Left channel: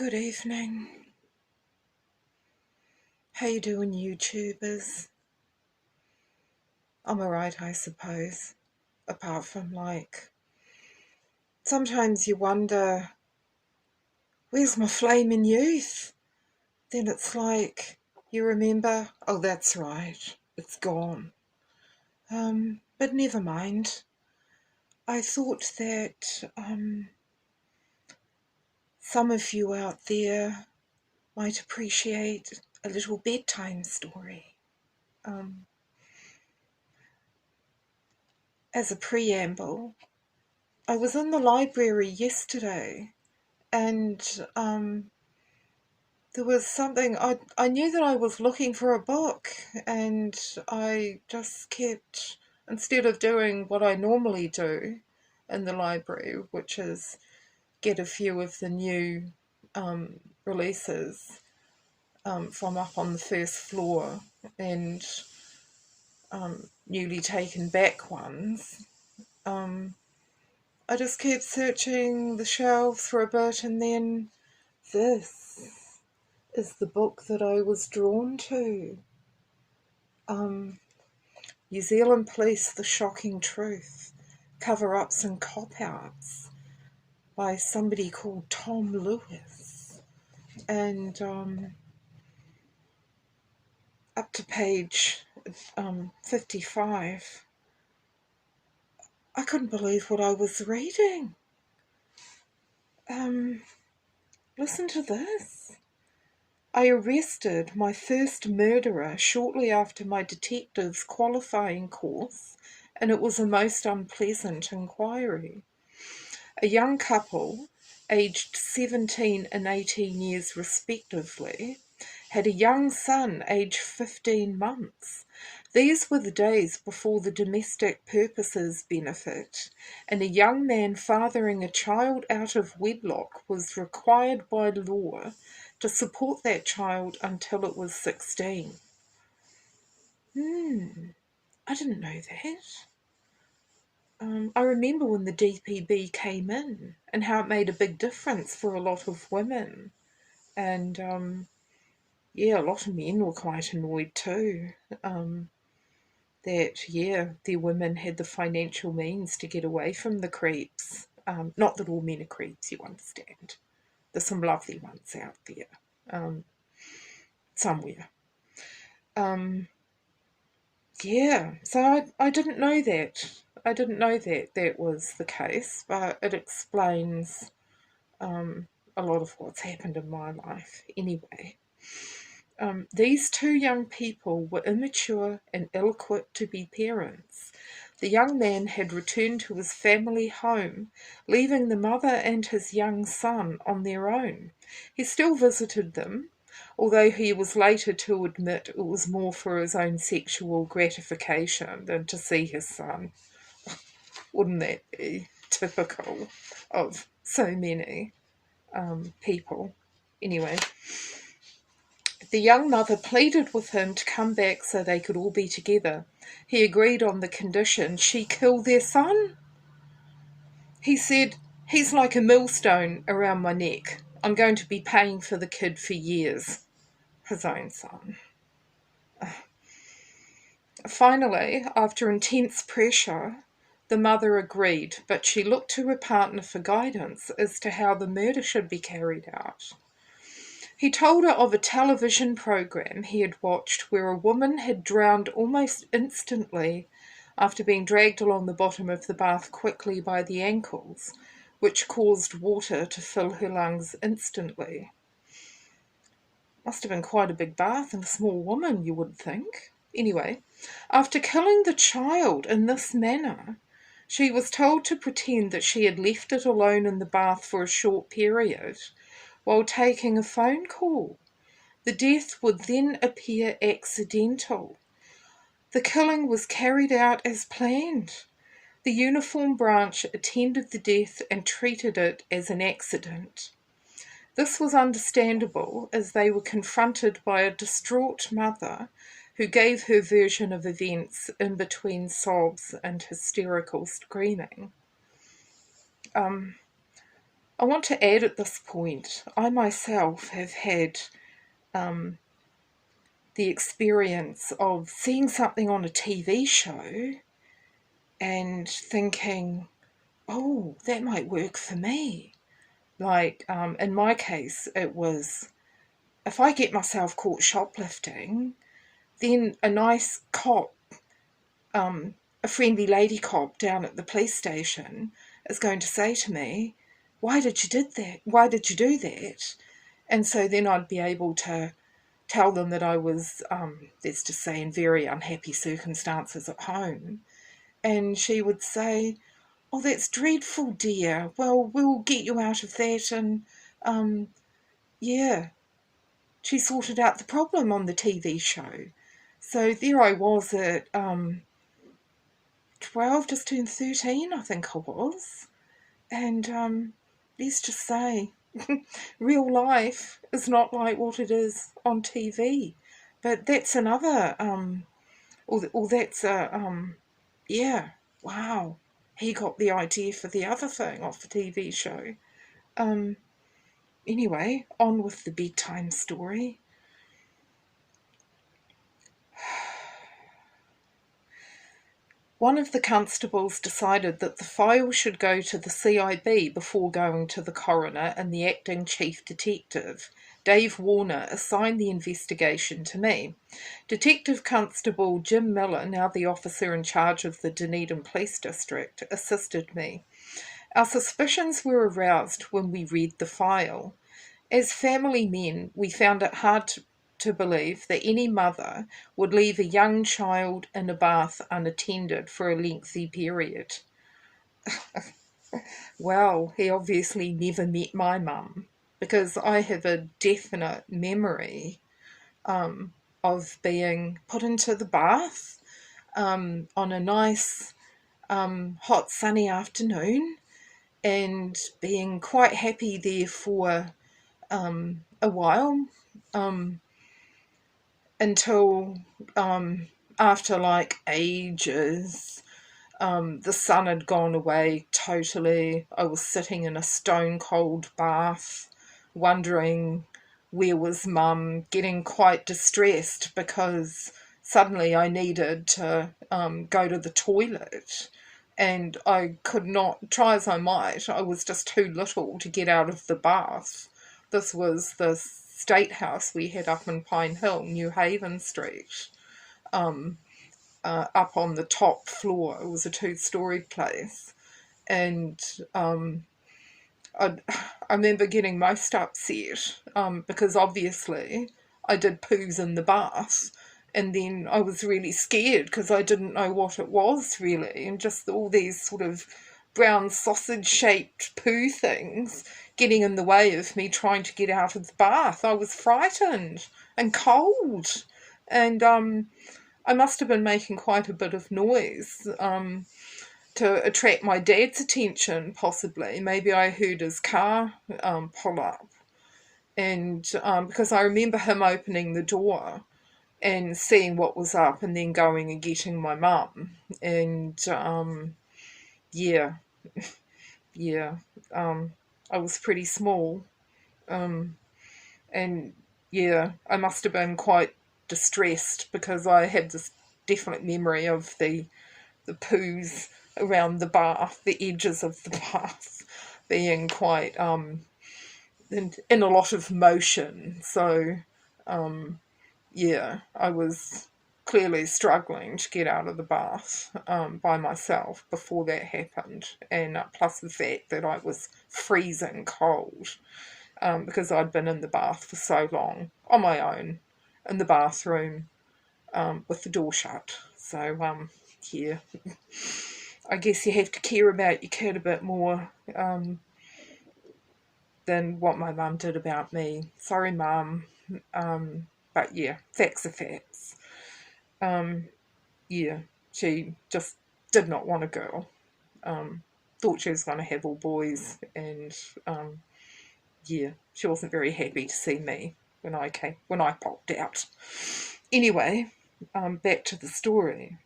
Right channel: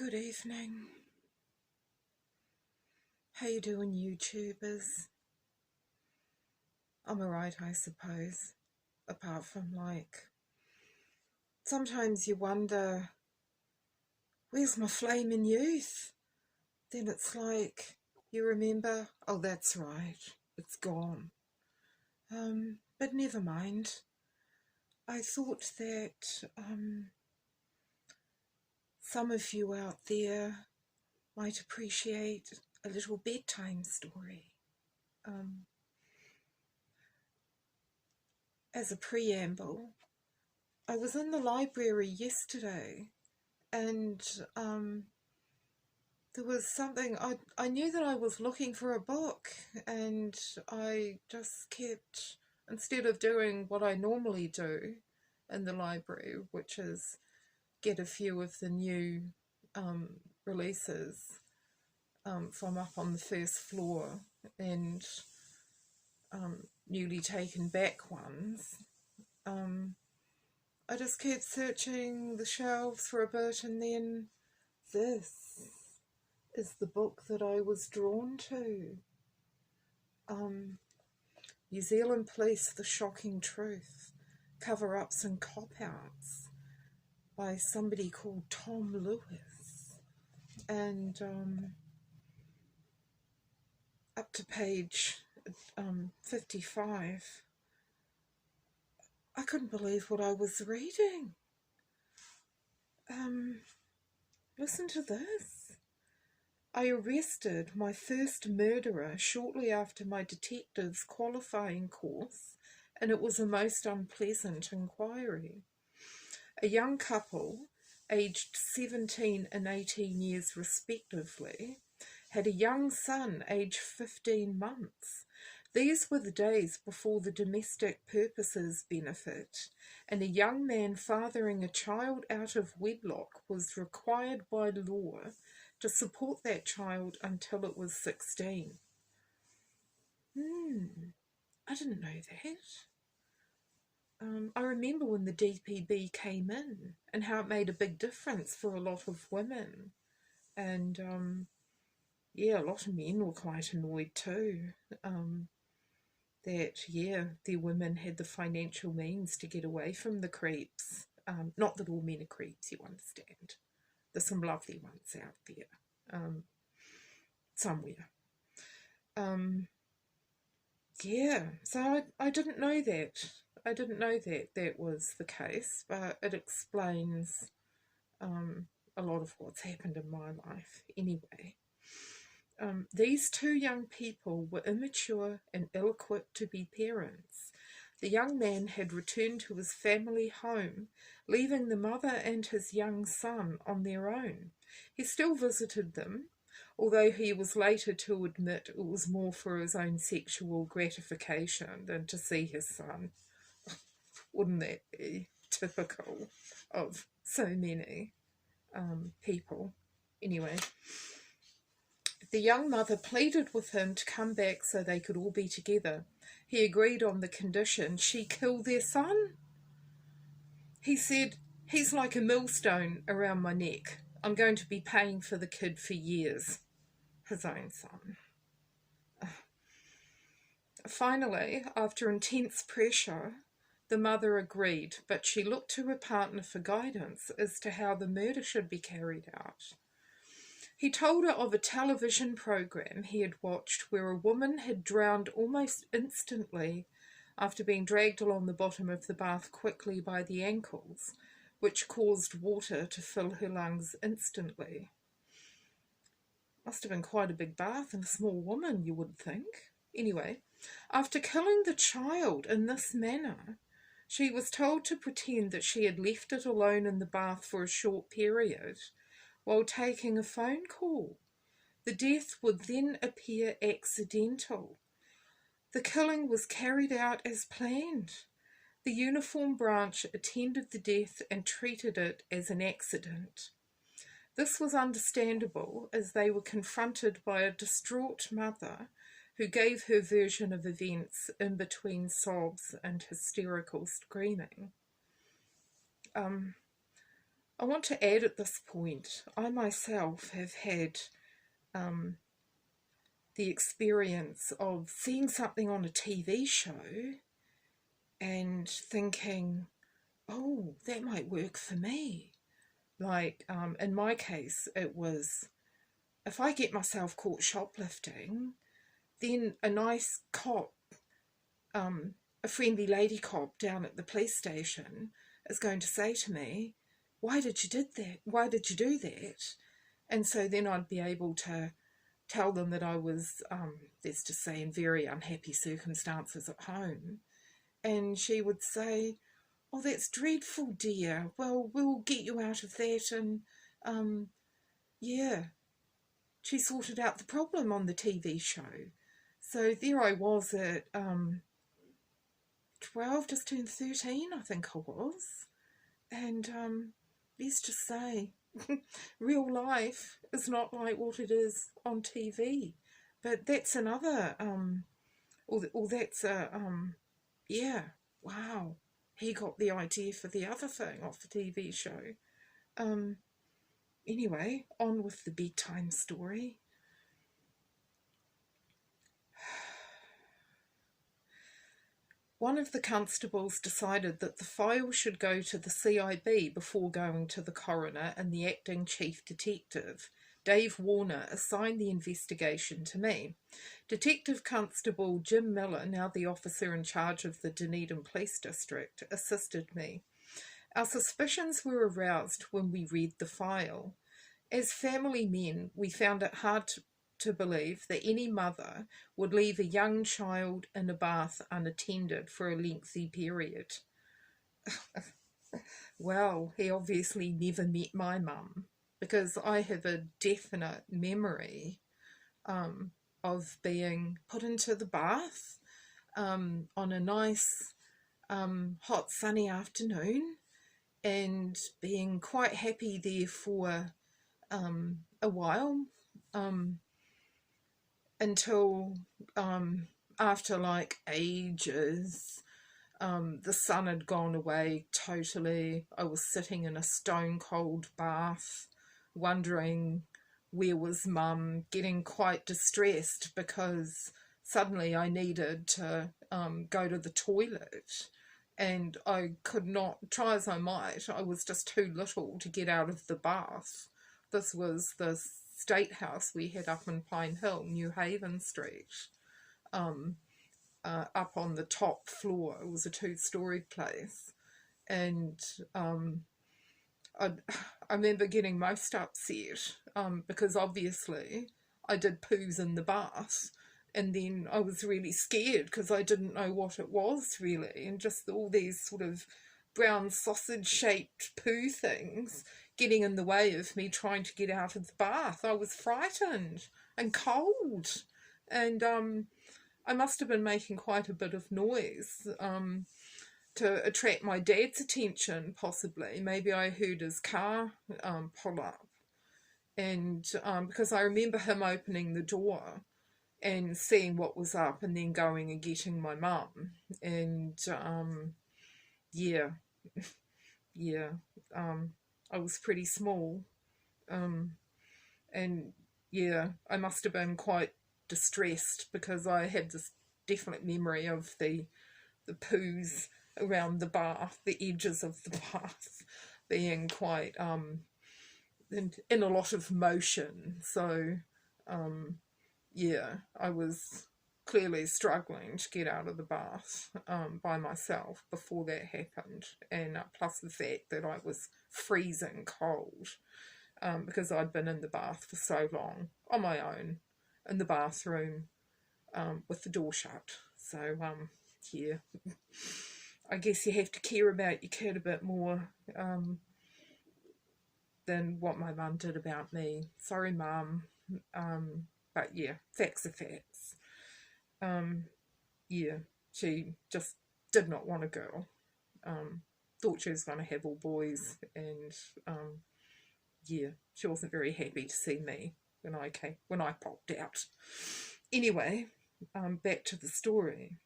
Good evening. How you doing, YouTubers? I'm alright, I suppose. Apart from, sometimes you wonder, where's my flaming youth? Then it's like, you remember, oh, that's right, it's gone. But never mind. I thought that some of you out there might appreciate a little bedtime story. As a preamble, I was in the library yesterday and there was something, I knew that I was looking for a book, and I just kept, instead of doing what I normally do in the library, which is get a few of the new releases from up on the first floor and newly taken back ones, I just kept searching the shelves for a bit, and then this is the book that I was drawn to. New Zealand Police, The Shocking Truth, Cover-Ups and Cop-Outs by somebody called Tom Lewis. And up to page 55, I couldn't believe what I was reading. Listen to this. I arrested my first murderer shortly after my detective's qualifying course, and it was a most unpleasant inquiry. A young couple, aged 17 and 18 years respectively, had a young son aged 15 months. These were the days before the domestic purposes benefit, and a young man fathering a child out of wedlock was required by law to support that child until it was 16. I didn't know that. I remember when the DPB came in and how it made a big difference for a lot of women. And a lot of men were quite annoyed too. That their women had the financial means to get away from the creeps. Not that all men are creeps, you understand. There's some lovely ones out there, somewhere. So I didn't know that. I didn't know that was the case, but it explains a lot of what's happened in my life anyway. These two young people were immature and ill-equipped to be parents. The young man had returned to his family home, leaving the mother and his young son on their own. He still visited them, although he was later to admit it was more for his own sexual gratification than to see his son. Wouldn't that be typical of so many people? Anyway, the young mother pleaded with him to come back so they could all be together. He agreed on the condition she kill their son. He said, "He's like a millstone around my neck. I'm going to be paying for the kid for years." His own son. Finally, after intense pressure, the mother agreed, but she looked to her partner for guidance as to how the murder should be carried out. He told her of a television program he had watched where a woman had drowned almost instantly after being dragged along the bottom of the bath quickly by the ankles, which caused water to fill her lungs instantly. Must have been quite a big bath and a small woman, you would think. Anyway, after killing the child in this manner, she was told to pretend that she had left it alone in the bath for a short period while taking a phone call. The death would then appear accidental. The killing was carried out as planned. The uniform branch attended the death and treated it as an accident. This was understandable as they were confronted by a distraught mother who gave her version of events in between sobs and hysterical screaming. I want to add at this point, I myself have had the experience of seeing something on a TV show and thinking, oh, that might work for me. Like, in my case, it was, if I get myself caught shoplifting, then a nice cop, a friendly lady cop down at the police station is going to say to me, why did you did that? Why did you do that? And so then I'd be able to tell them that I was, let's just say, in very unhappy circumstances at home. And she would say, oh, that's dreadful, dear. Well, we'll get you out of that. And, yeah, she sorted out the problem on the TV show. So there I was at 12, just turned 13, I think I was. And let's just say, real life is not like what it is on TV. But that's another, or that's yeah, wow. He got the idea for the other thing off the TV show. Anyway, on with the bedtime story. One of the constables decided that the file should go to the CIB before going to the coroner, and the acting chief detective, Dave Warner, assigned the investigation to me. Detective Constable Jim Miller, now the officer in charge of the Dunedin Police District, assisted me. Our suspicions were aroused when we read the file. As family men, we found it hard to believe that any mother would leave a young child in a bath unattended for a lengthy period. Well, he obviously never met my mum, because I have a definite memory of being put into the bath on a nice hot sunny afternoon and being quite happy there for a while, until after like ages, the sun had gone away totally. I was sitting in a stone cold bath, wondering where was mum, getting quite distressed because suddenly I needed to go to the toilet, and I could not, try as I might, I was just too little to get out of the bath. This was the state house we had up in Pine Hill, New Haven Street, up on the top floor. It was a two-storey place, and I remember getting most upset because obviously I did poos in the bath, and then I was really scared because I didn't know what it was really, and just all these sort of brown sausage-shaped poo things getting in the way of me trying to get out of the bath. I was frightened and cold, and I must have been making quite a bit of noise to attract my dad's attention, possibly. Maybe I heard his car pull up, and because I remember him opening the door and seeing what was up and then going and getting my mum. And yeah, yeah, I was pretty small, and yeah, I must have been quite distressed because I had this definite memory of the poos around the bath, the edges of the bath being quite in a lot of motion. So yeah, I was clearly struggling to get out of the bath by myself before that happened, and plus the fact that I was freezing cold because I'd been in the bath for so long on my own in the bathroom with the door shut. So yeah, I guess you have to care about your kid a bit more than what my mum did about me. Sorry, mum. But yeah, facts are facts. Yeah, she just did not want a girl. Thought she was going to have all boys, and yeah, she wasn't very happy to see me when I popped out. Anyway, back to the story.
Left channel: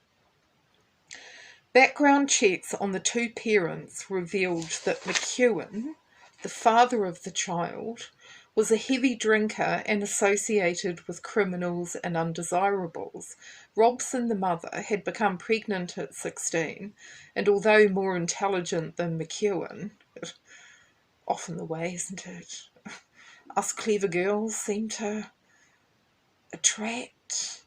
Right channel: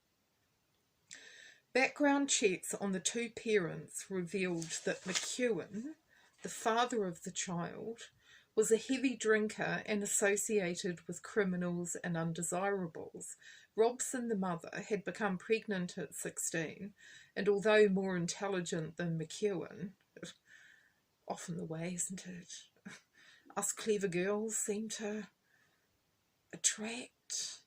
Background checks on the two parents revealed that McEwen, the father of the child, was a heavy drinker and associated with criminals and undesirables. Robson, the mother, had become pregnant at 16, and although more intelligent than McEwen, often the way, isn't it? Us clever girls seem to attract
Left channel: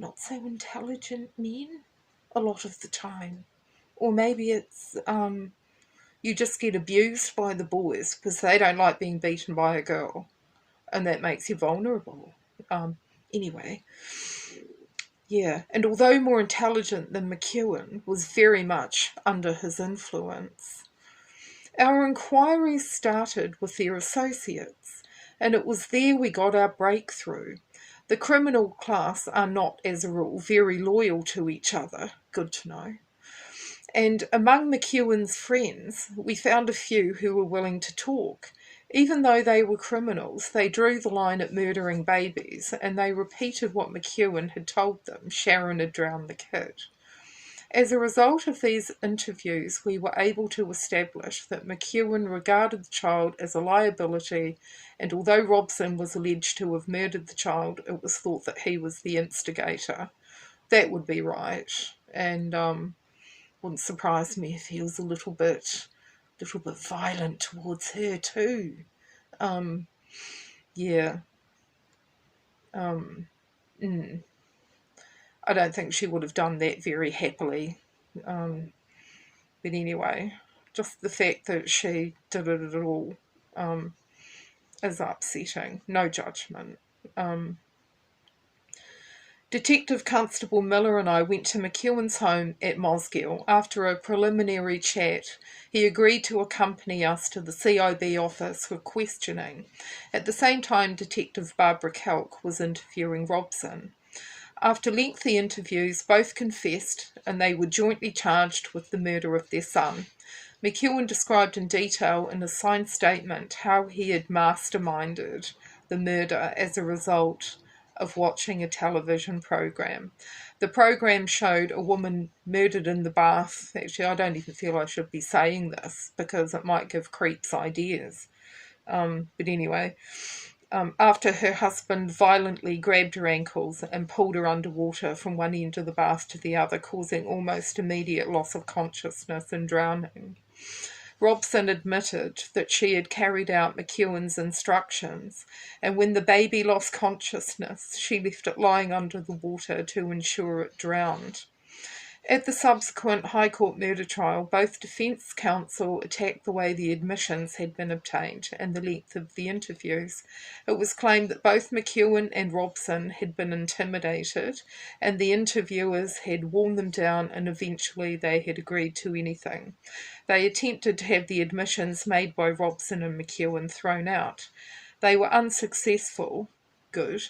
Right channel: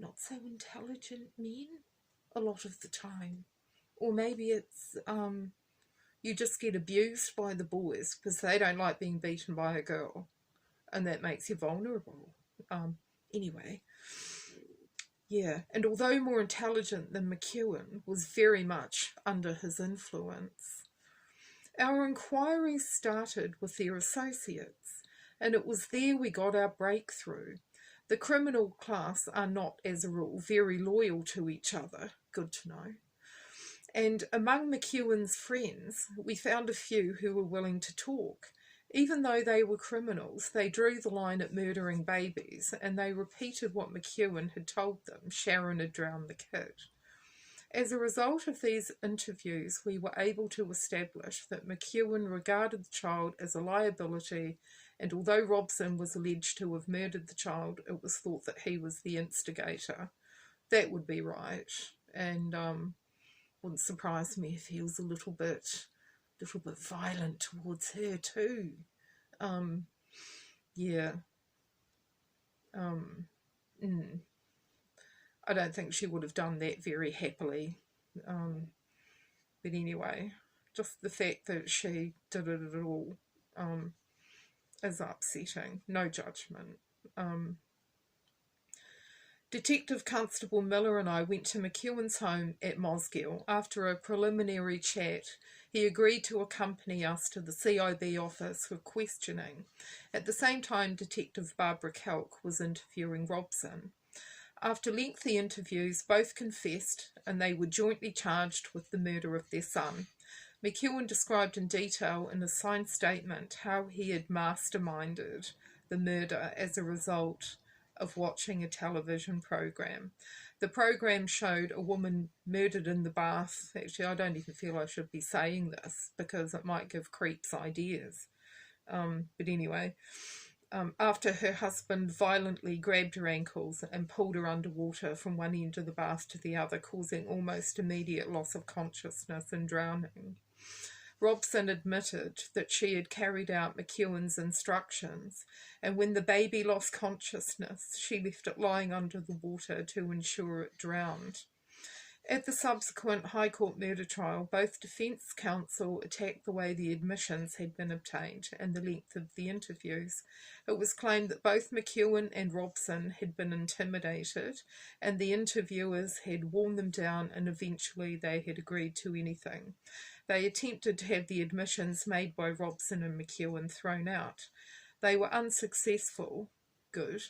not so intelligent men a lot of the time. Or maybe it's you just get abused by the boys because they don't like being beaten by a girl, and that makes you vulnerable. Anyway, yeah, and although more intelligent than McEwen, was very much under his influence. Our inquiries started with their associates, and it was there we got our breakthrough. The criminal class are not, as a rule, very loyal to each other. Good to know. And among McEwen's friends, we found a few who were willing to talk. Even though they were criminals, they drew the line at murdering babies, and they repeated what McEwen had told them Sharon had drowned the kid. As a result of these interviews, we were able to establish that McEwen regarded the child as a liability, and although Robson was alleged to have murdered the child, it was thought that he was the instigator. That would be right, and wouldn't surprise me if he was a little bit violent towards her too. Yeah. I don't think she would have done that very happily. But anyway, just the fact that she did it at all is upsetting. No judgment. Detective Constable Miller and I went to McEwen's home at Mosgiel. After a preliminary chat, he agreed to accompany us to the CIB office for questioning. At the same time, Detective Barbara Kelk was interviewing Robson. After lengthy interviews, both confessed, and they were jointly charged with the murder of their son. McEwen described in detail in a signed statement how he had masterminded the murder as a result of watching a television program. The program showed a woman murdered in the bath. Actually, I don't even feel I should be saying this because it might give creeps ideas. But anyway, after her husband violently grabbed her ankles and pulled her underwater from one end of the bath to the other, causing almost immediate loss of consciousness and drowning. Robson admitted that she had carried out McEwen's instructions, and when the baby lost consciousness, she left it lying under the water to ensure it drowned. At the subsequent High Court murder trial, both defence counsel attacked the way the admissions had been obtained and the length of the interviews. It was claimed that both McEwen and Robson had been intimidated, and the interviewers had worn them down, and eventually they had agreed to anything. They attempted to have the admissions made by Robson and McEwen thrown out. They were unsuccessful. Good.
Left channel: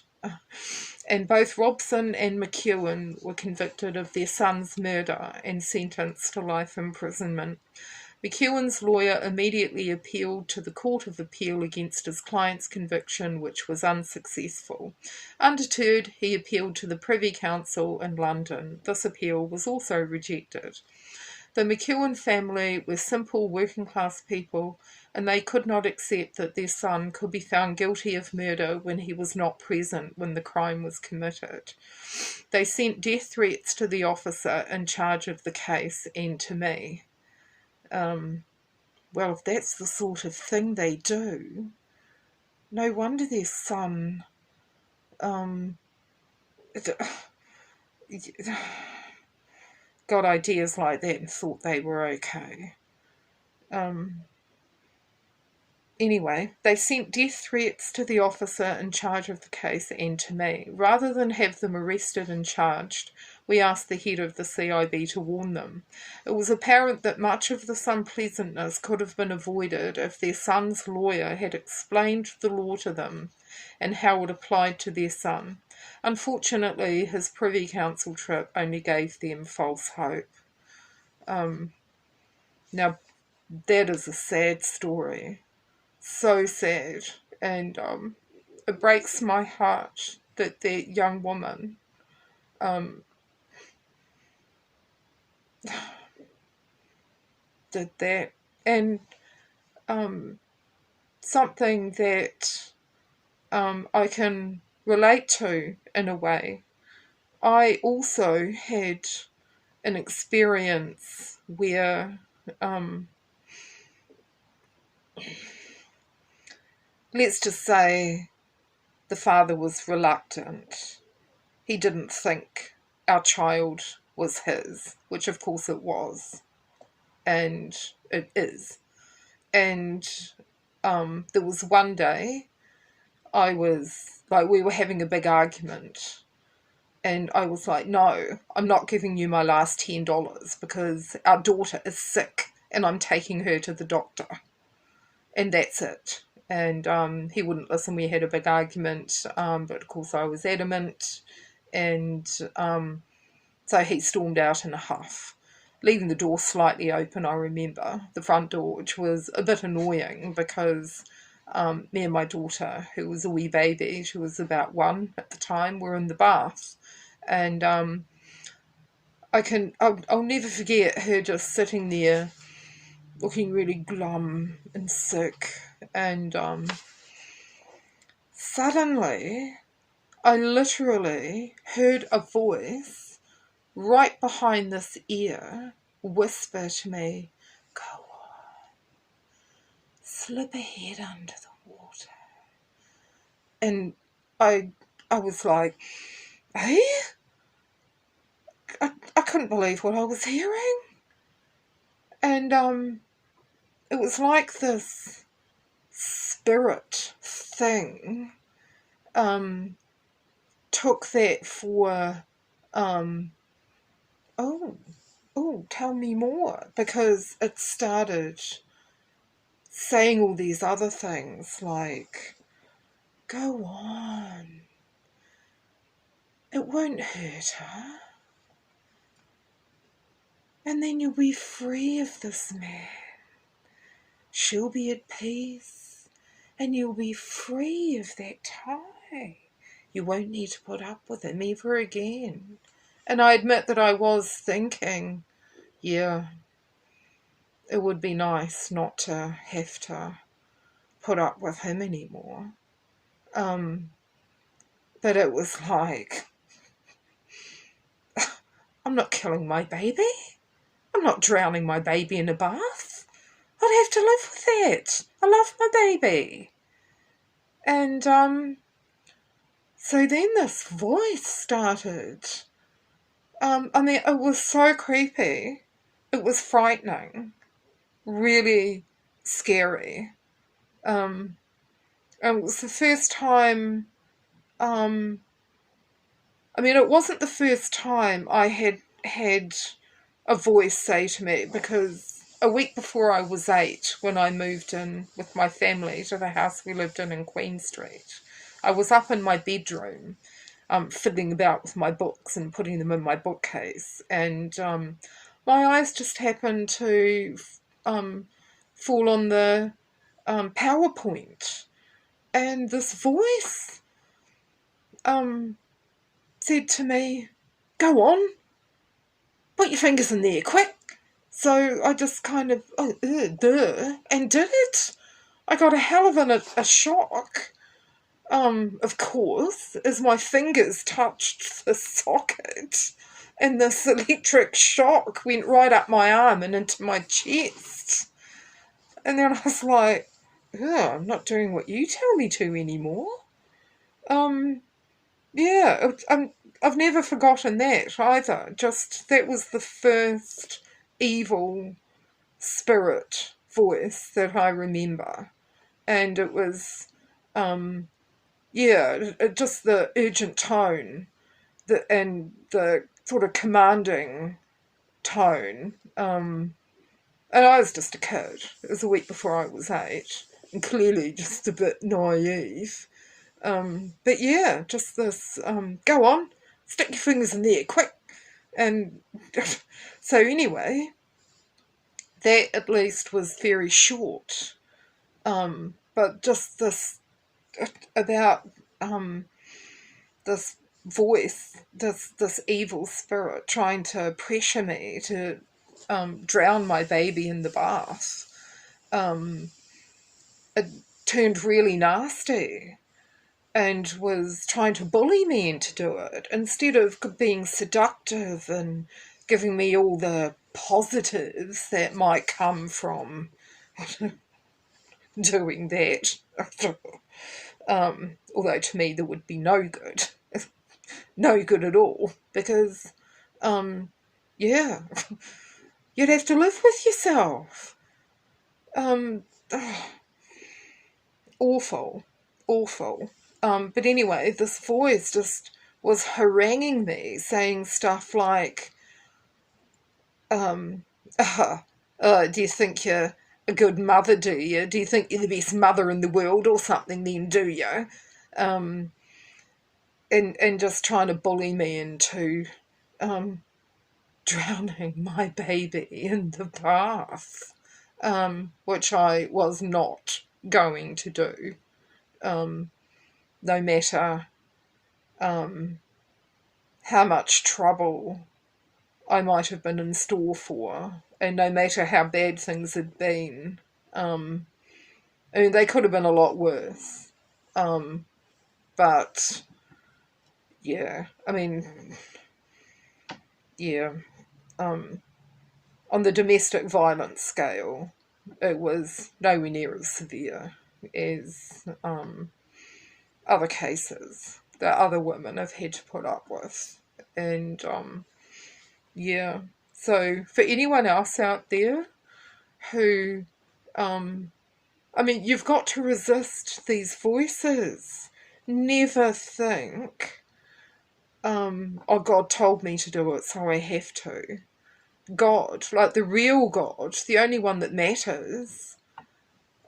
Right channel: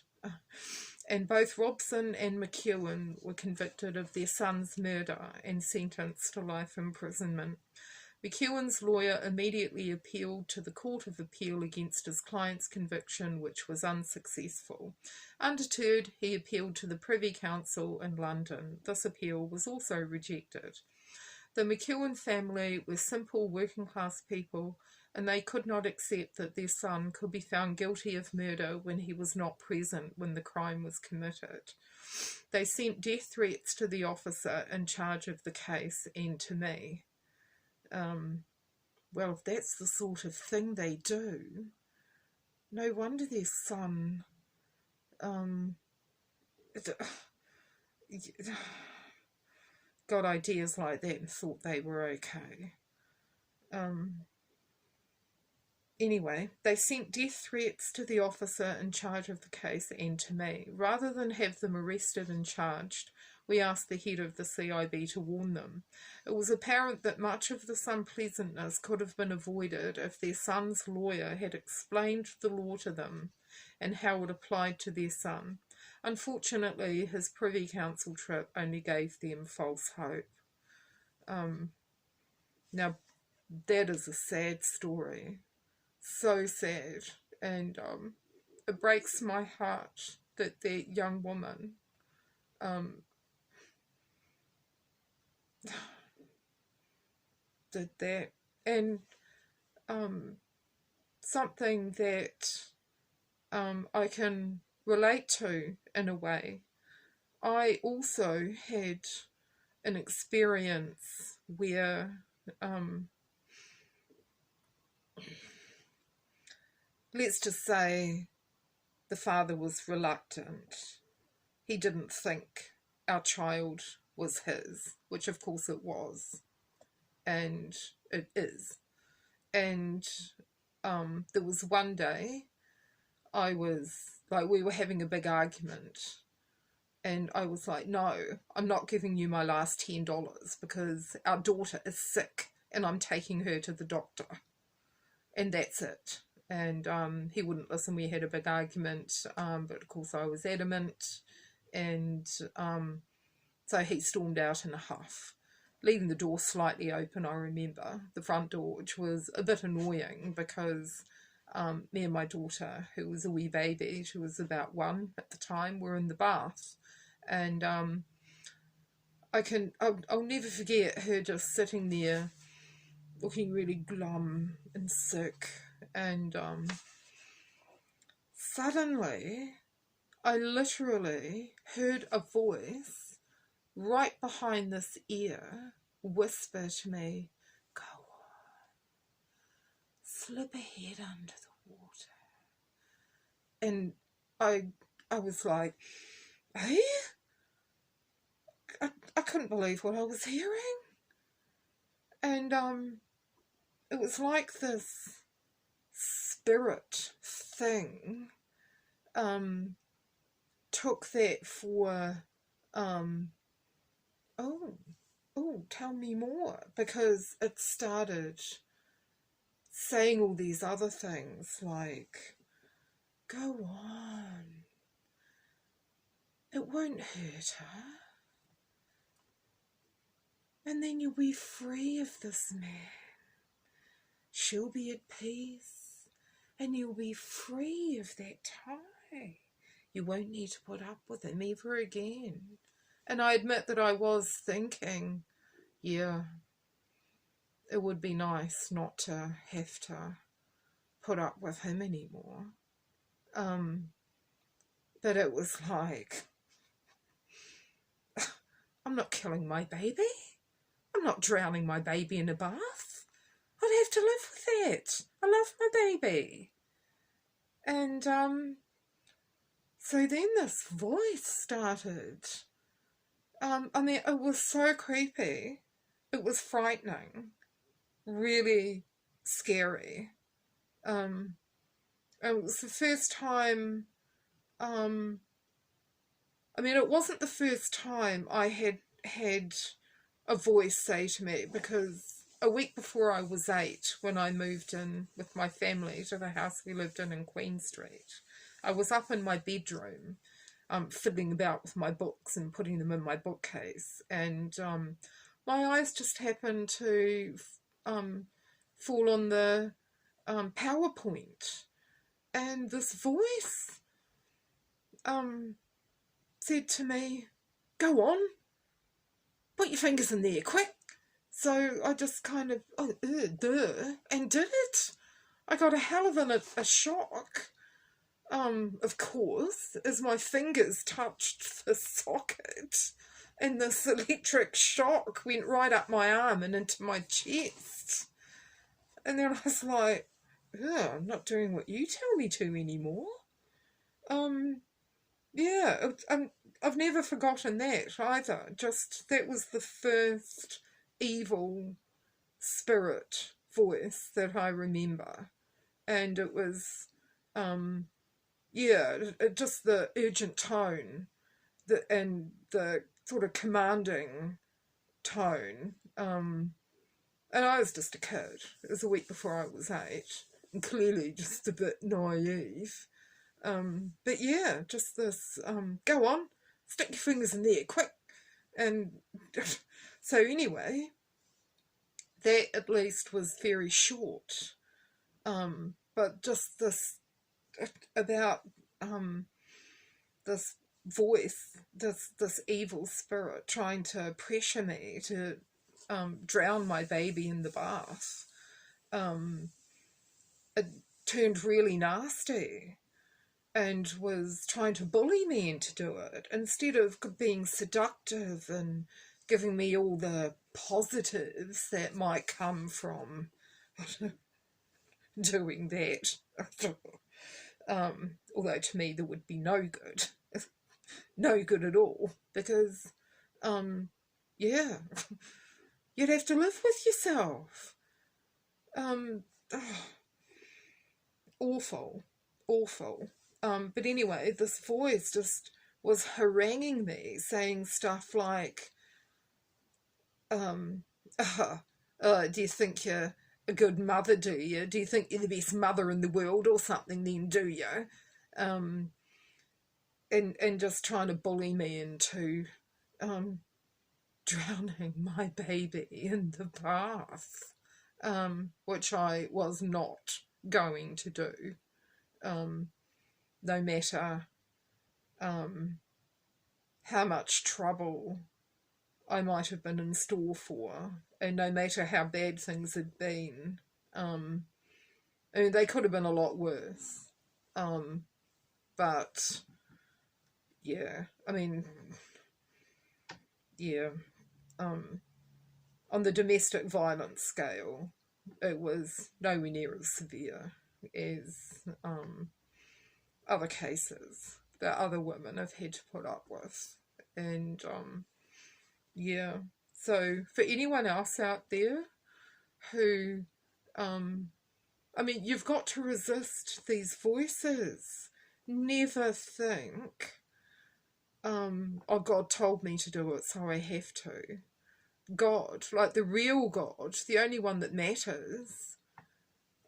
And both Robson and McEwen were convicted of their son's murder and sentenced to life imprisonment. McEwen's lawyer immediately appealed to the Court of Appeal against his client's conviction, which was unsuccessful. Undeterred, he appealed to the Privy Council in London. This appeal was also rejected. The McEwen family were simple working-class people, and they could not accept that their son could be found guilty of murder when he was not present when the crime was committed. They sent death threats to the officer in charge of the case and to me. Well, if that's the sort of thing they do, no wonder their son got ideas like that and thought they were okay. Anyway, they sent death threats to the officer in charge of the case and to me. Rather than have them arrested and charged, we asked the head of the CIB to warn them. It was apparent that much of this unpleasantness could have been avoided if their son's lawyer had explained the law to them and how it applied to their son. Unfortunately, his Privy Council trip only gave them false hope. Now, that is a sad story. So sad, and it breaks my heart that that young woman did that. And something that I can relate to in a way. I also had an experience where, let's just say, the father was reluctant. He didn't think our child was his, which of course it was, and it is. And there was one day we were having a big argument, and I was like, no, I'm not giving you my last $10 because our daughter is sick and I'm taking her to the doctor. And that's it. And he wouldn't listen. We had a big argument, but of course I was adamant. And so he stormed out in a huff, leaving the door slightly open, I remember, the front door, which was a bit annoying because me and my daughter, who was a wee baby, she was about 1 at the time, were in the bath. And I'll never forget her just sitting there looking really glum and sick. And suddenly I literally heard a voice right behind this ear whisper to me, "Go on, slip a head under the water." And I was like, eh? I couldn't believe what I was hearing. And it was like this spirit thing took that for tell me more, because it started saying all these other things like, go on, it won't hurt her, and then you'll be free of this man. She'll be at peace, and you'll be free of that tie. You won't need to put up with him ever again. And I admit that I was thinking, yeah, it would be nice not to have to put up with him anymore. But it was like, I'm not killing my baby. I'm not drowning my baby in a bath. I'd have to live with that. I love my baby. And so then this voice started. I mean, it was so creepy. It was frightening. Really scary. And it was the first time, I mean, it wasn't the first time I had a voice say to me, because a week before I was 8, when I moved in with my family to the house we lived in Queen Street, I was up in my bedroom, fiddling about with my books and putting them in my bookcase, and my eyes just happened to fall on the PowerPoint, and this voice said to me, "Go on, put your fingers in there, quick." So I just kind of, and did it. I got a hell of a shock, of course, as my fingers touched the socket, and this electric shock went right up my arm and into my chest. And then I was like, I'm not doing what you tell me to anymore. Yeah, I've never forgotten that either. Just, that was the first evil spirit voice that I remember. And it was, just the urgent tone and the sort of commanding tone. And I was just a kid. It was a week before I was 8, and clearly just a bit naive. But yeah, just this, go on, stick your fingers in there, quick. And so anyway, that at least was very short. But just this, about this voice, this evil spirit trying to pressure me to drown my baby in the bath. um, it turned really nasty and was trying to bully me into do it instead of being seductive and giving me all the positives that might come from doing that. Although to me there would be no good, no good at all, because yeah, you'd have to live with yourself. Um, awful, awful. But anyway, this voice just was haranguing me, saying stuff like, um, do you think you're a good mother, do you? Do you think you're the best mother in the world or something then, do you? Um, and just trying to bully me into um, drowning my baby in the bath, which I was not going to do, no matter how much trouble I might have been in store for, and no matter how bad things had been. I mean, they could have been a lot worse. But yeah, I mean, yeah. On the domestic violence scale, it was nowhere near as severe as other cases that other women have had to put up with. And yeah, so for anyone else out there who, I mean, you've got to resist these voices. Never think, oh, God told me to do it, so I have to. God, like the real God, the only one that matters,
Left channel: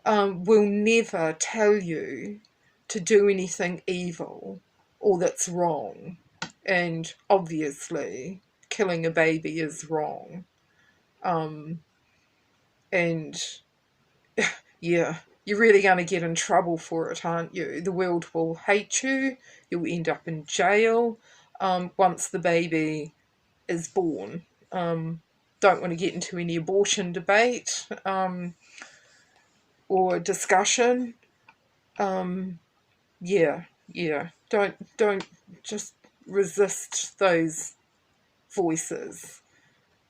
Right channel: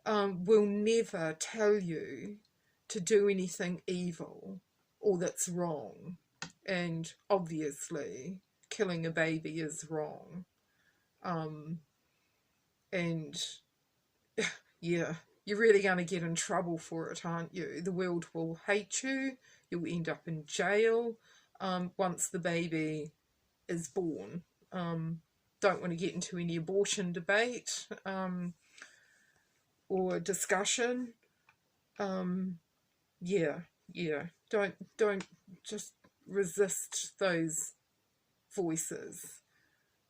will never tell you to do anything evil or that's wrong. And obviously, killing a baby is wrong. And yeah, you're really going to get in trouble for it, aren't you? The world will hate you. You'll end up in jail once the baby is born. Don't want to get into any abortion debate or discussion. Yeah, yeah. Don't just resist those voices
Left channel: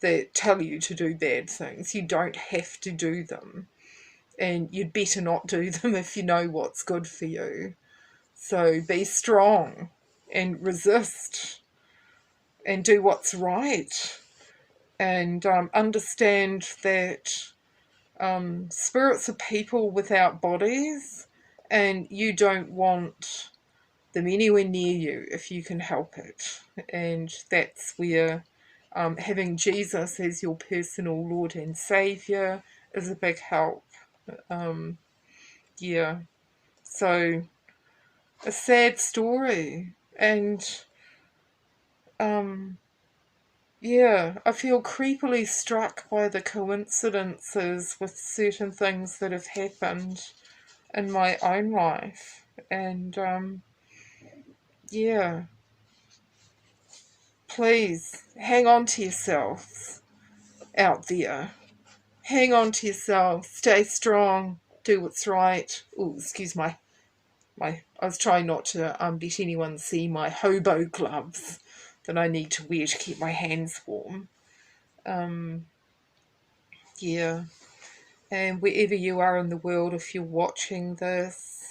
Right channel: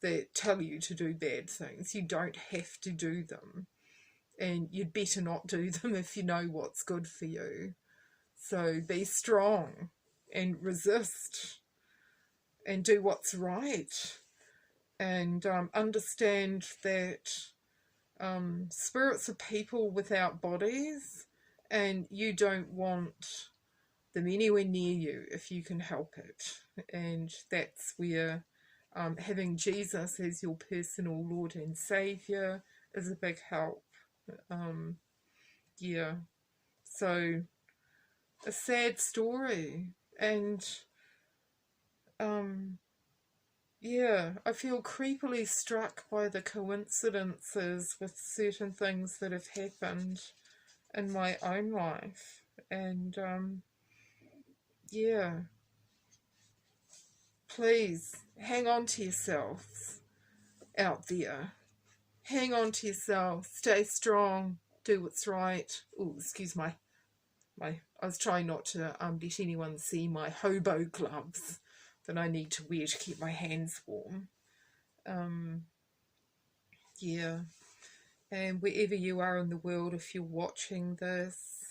that tell you to do bad things. You don't have to do them, and you'd better not do them if you know what's good for you. So be strong and resist and do what's right, and understand that spirits are people without bodies, and you don't want them anywhere near you if you can help it. And that's where having Jesus as your personal Lord and Saviour is a big help. Yeah. So, a sad story. And, yeah, I feel creepily struck by the coincidences with certain things that have happened in my own life. And, yeah, please hang on to yourselves out there. Hang on to yourself. Stay strong. Do what's right. Oh, excuse my. I was trying not to let anyone see my hobo gloves that I need to wear to keep my hands warm. Yeah. And wherever you are in the world, if you're watching this,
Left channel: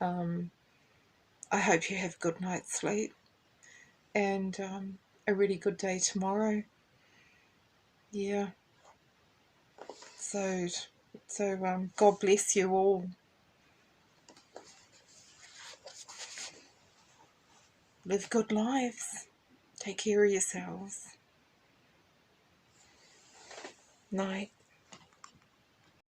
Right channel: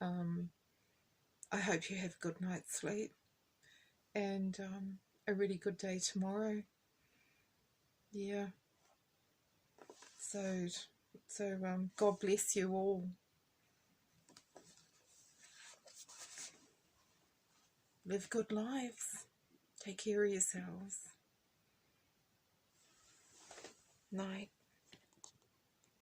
I hope you have a good night's sleep and a really good day tomorrow. Yeah. So, God bless you all. Live good lives. Take care of yourselves. Night.